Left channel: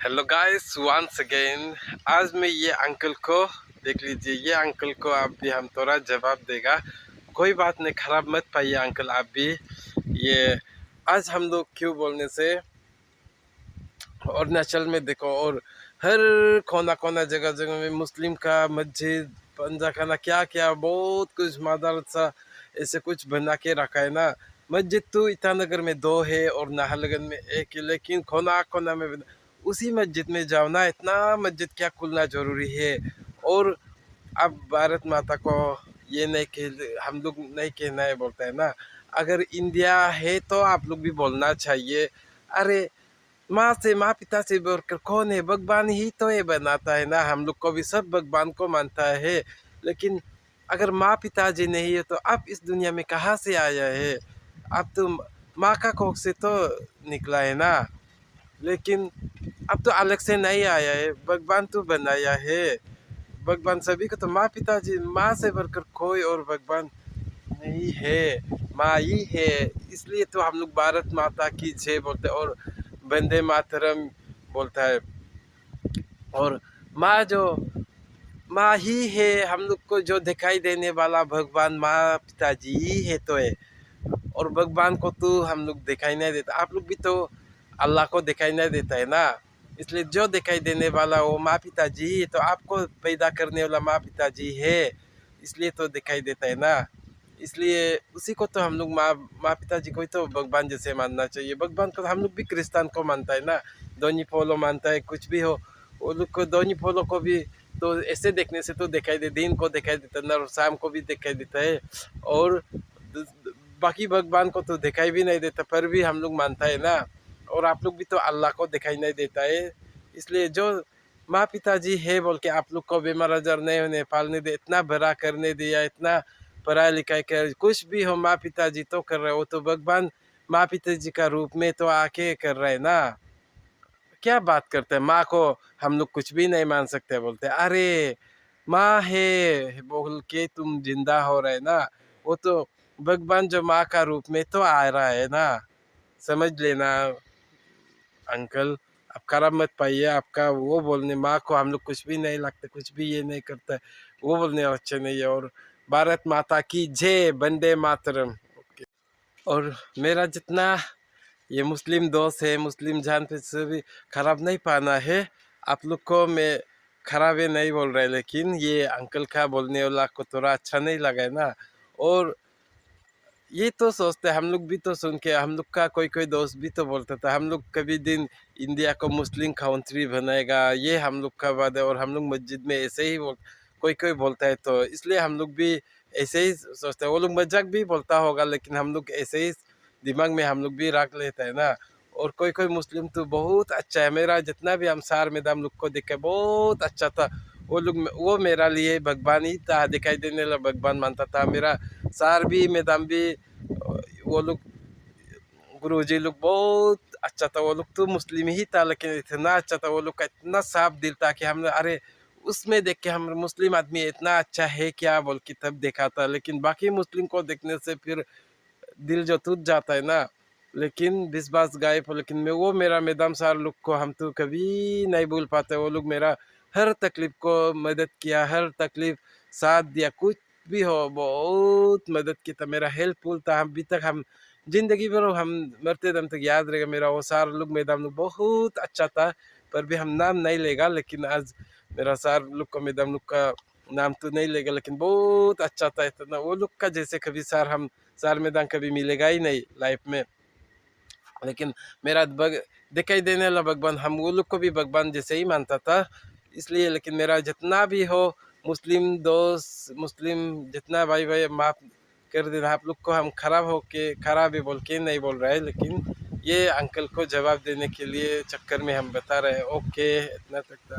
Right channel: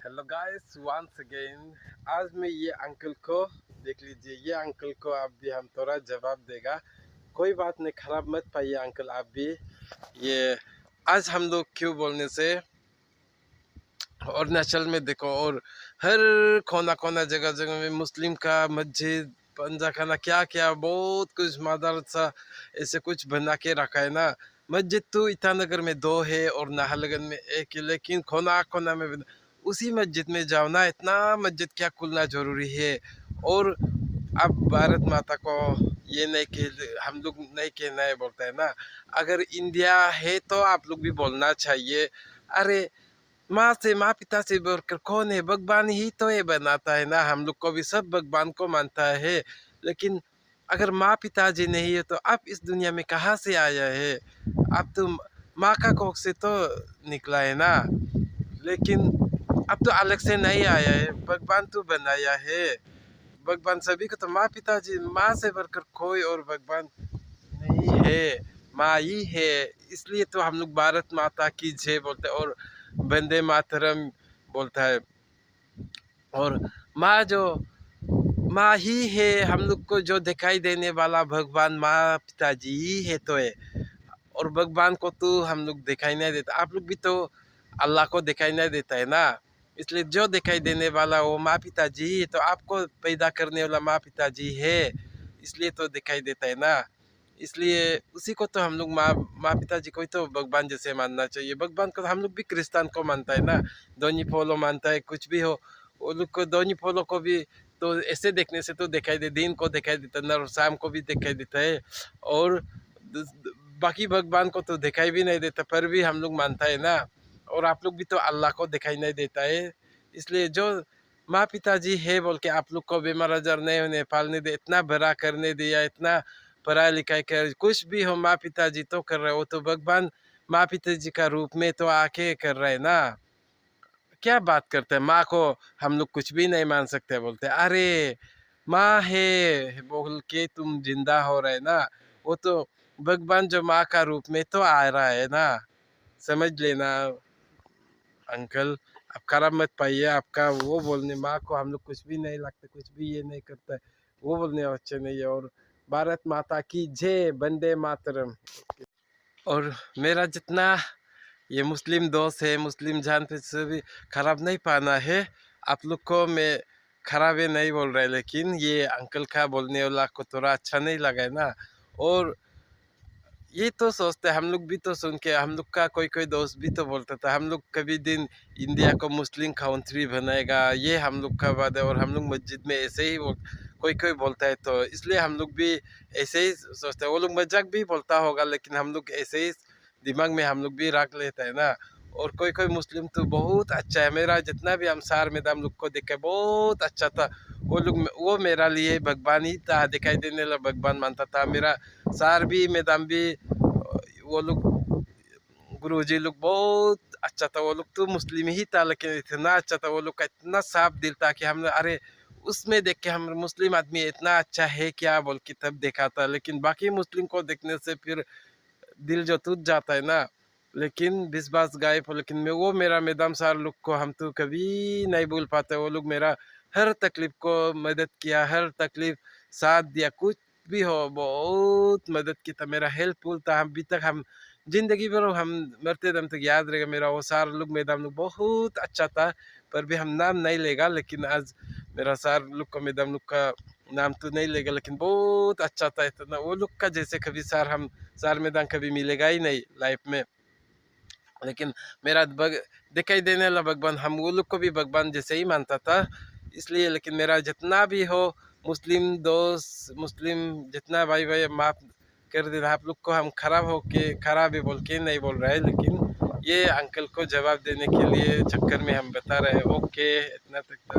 Hello guys once again. आज मैं ये अंकल को देख लीजिए। ये अंकल को आप भी हम थोड़ा जवाब देगा। कोई बात नहीं, खराब मत पाइए अंकल आप भी। ये आज हम लोग क्यों बोलने से अरुणाचल में देखो, और हर कोना कोना जगह जगह में मुस्लिम का मस्जिद पंजा खाना क्या क्या बहुत कुछ मदरसा ऐसे कुछ बना के रखा है ना। मस्जिद तो ईटानगर में दो है और नाहरलगुन में एक है, लेकिन कोना कोना में उसी मस्जिद में जाओ ना, इतना मस्जिद क्या खुलना जरूरी है। और अब भारत माता को ये नहीं कह, हम लोग नहीं कहना है बोलता है ना। अगर इंडिया है तो आप लोग भी बोलना चाहिए। अरे माँ से, माँ पिता से बढ़कर कौन है? भगवान ही तो ये बनाता है ना। हम लोग को भी सब भगवान को मानता है, लेकिन अगर माँ पिताजी नहीं है तो आप इस दुनिया में कहाँ से आया है? आप तो माँ का कोख से तो निकला है ना। लेकिन अब तो अलग से नहीं आया है, भगवान तो बनाया है। भगवान सभी को तो माँ पिताजी, माँ से बढ़कर कोई और भगवान नहीं है, माँ ही है। इसलिए तो हम लोग भारत माता की जय बोलते हैं और वंदे मातरम बोलता है। और माँ जो माँ ही है, हम लोग को जो दिखाई देने वाला भगवान माँ पिताजी ही है तो है। और भगवान को तो हम लोग दिखाई नहीं देता। आप लोग भी तो अल्लाह को दिखाई नहीं देता है ना। इसलिए जो दिखाई देने वाला वो माँ पिताजी ही है, तो आपको पैदा करने वाला माँ पिताजी है, इसलिए तो दिखाई देता है ना। इसलिए उसी को तो हम लोग माँ माँ पिताजी को ही तो भगवान जैसे मानना चाहिए। भगवान को हम लोग भी क्रिस्तान को मानता है ना, दोनी पोलो मानता है। कुछ भी हो, वो लोग को दोनी पोलो को भी तो ऐसे देखने से तो दिखाई दे, दिन को दिखाई देता है और शाम को भी दिखाई देता है। और बाकी भगवान को तो दिखाई भी नहीं देता, पर भी हम लोग मानता है ना। और आप लोग भी तो अल्लाह को दिखाई नहीं देता है। इसलिए जो माँ पिताजी है बोल के आप लोग को बीमार आजार नहीं होने पालने दे, इतना बड़ा करने दिया, इतना पढ़ाई लिखाई कर, कुछ भी हो माँ पिताजी तो कर रहे हो, तो भगवान माँ पिताजी का रूप में तो आके कर रहे हैं ना। क्या बात करते हैं, माँ को हम लोग कुछ भी नहीं मान सकते बोलते। अरे माँ है बोल के तुम जिंदा हो रहे ना, वो तो भगवान जो माँ का रूप में तो आ रहा है ना। समझ लेना अंकल, आप खराब मत पाइए। आपका वो बोलने माँ को हम लोग कुछ भी नहीं लगता, कुछ भी ये नहीं करता है, वो बोलने अच्छे नहीं है। और भारत माता की जय, वंदे मातरम। और मेरा जितना ये मुस्लिम दोस्त है, मुस्लिम जान पे से भी खराब नहीं पाना है। आप लोग को मैं खराब ये नहीं बोल रहा है, लेकिन ये अंकल का बोलने वाला को थोड़ा अच्छा नहीं लगा है ना। और ये तो सोचते हैं, हम लोग भी तो सुन के, हम लोग का कोई कोई दोस्त भी तो बोलता था हम लोग कभी दिन इंडिया को मुस्लिम कंट्री बनाएगा, ये हम लोग का बात है। और हम लोग मस्जिद में ऐसे ही कोई कोई बोलता है, तो इसलिए हम लोग भी ऐसे ही सोचते हैं। वो लोग मजाक भी बोलता होगा, लेकिन हम लोग ऐसे ही दिमाग में हम लोग भी रख लेते हैं ना। और कोई कोई मुस्लिम तो बहुत अच्छा है, मेरा जितना भी हम सार मैदान लोग को देखे बहुत अच्छा था। वो लोग, वो मेरा लिए भगवान ही था, दिखाई देने वाला भगवान मानता था। मेरा सार भी मैदान भी, वो लोग गुरुजी लोग बहुत अच्छा था। वो लोग तो मुस्लिम ही था, लेकिन इतना अच्छा था, वो लोग का इतना साफ दिल था कि हमने अरे उसमें देख के हम मुस्लिम आदमी इतना अच्छा है क्या बोल के तब देखा था। लेकिन बाकी मुस्लिम को देखने से फिर दिल जो टूट जाता है ना। लेकिन विश्वास गायब हो, लेकिन मैं वो मेरा मैदाम सार लोग को हम तो कभी नहीं भूल पाते। वो लोग मेरा हर तकलीफ को मदद किया, हर तकलीफ साथ दिया, कुछ भी हो बहुत मदद की था, मेरा हेल्पफुल था। अभी तक हम जिंदगी भर हम मरते दम तक याद रहेगा मेरा वो सार लोग मैदाम लोग बहुत अच्छा था। पर भी हम नाम नहीं लेगा, लेकिन आज मेरा सार लोग को मैदाम लोग का नाम तो नहीं लेगा, लेकिन बहुत अच्छा था। इतना वो लोग का जैसे कभी सार हम सार मैदान कभी मिलेगा ही नहीं लाइफ में। लेकिन मेरा दिखाई देने वाला भगवान, हम वो लोग को भी भगवान जैसे ही मानता था। इसलिए लेकिन मेरा जितना भी हो मुस्लिम दोस्त, मुस्लिम जितना भाई भाई, माफ कर देना। आप लोग को हम खराब हो के, खराब ही बोल के नहीं बोल रहा है, लेकिन ये अंकल को जवाब देने के लिए चक्कर में हम बता रहे हैं। ओके, इतना तक था।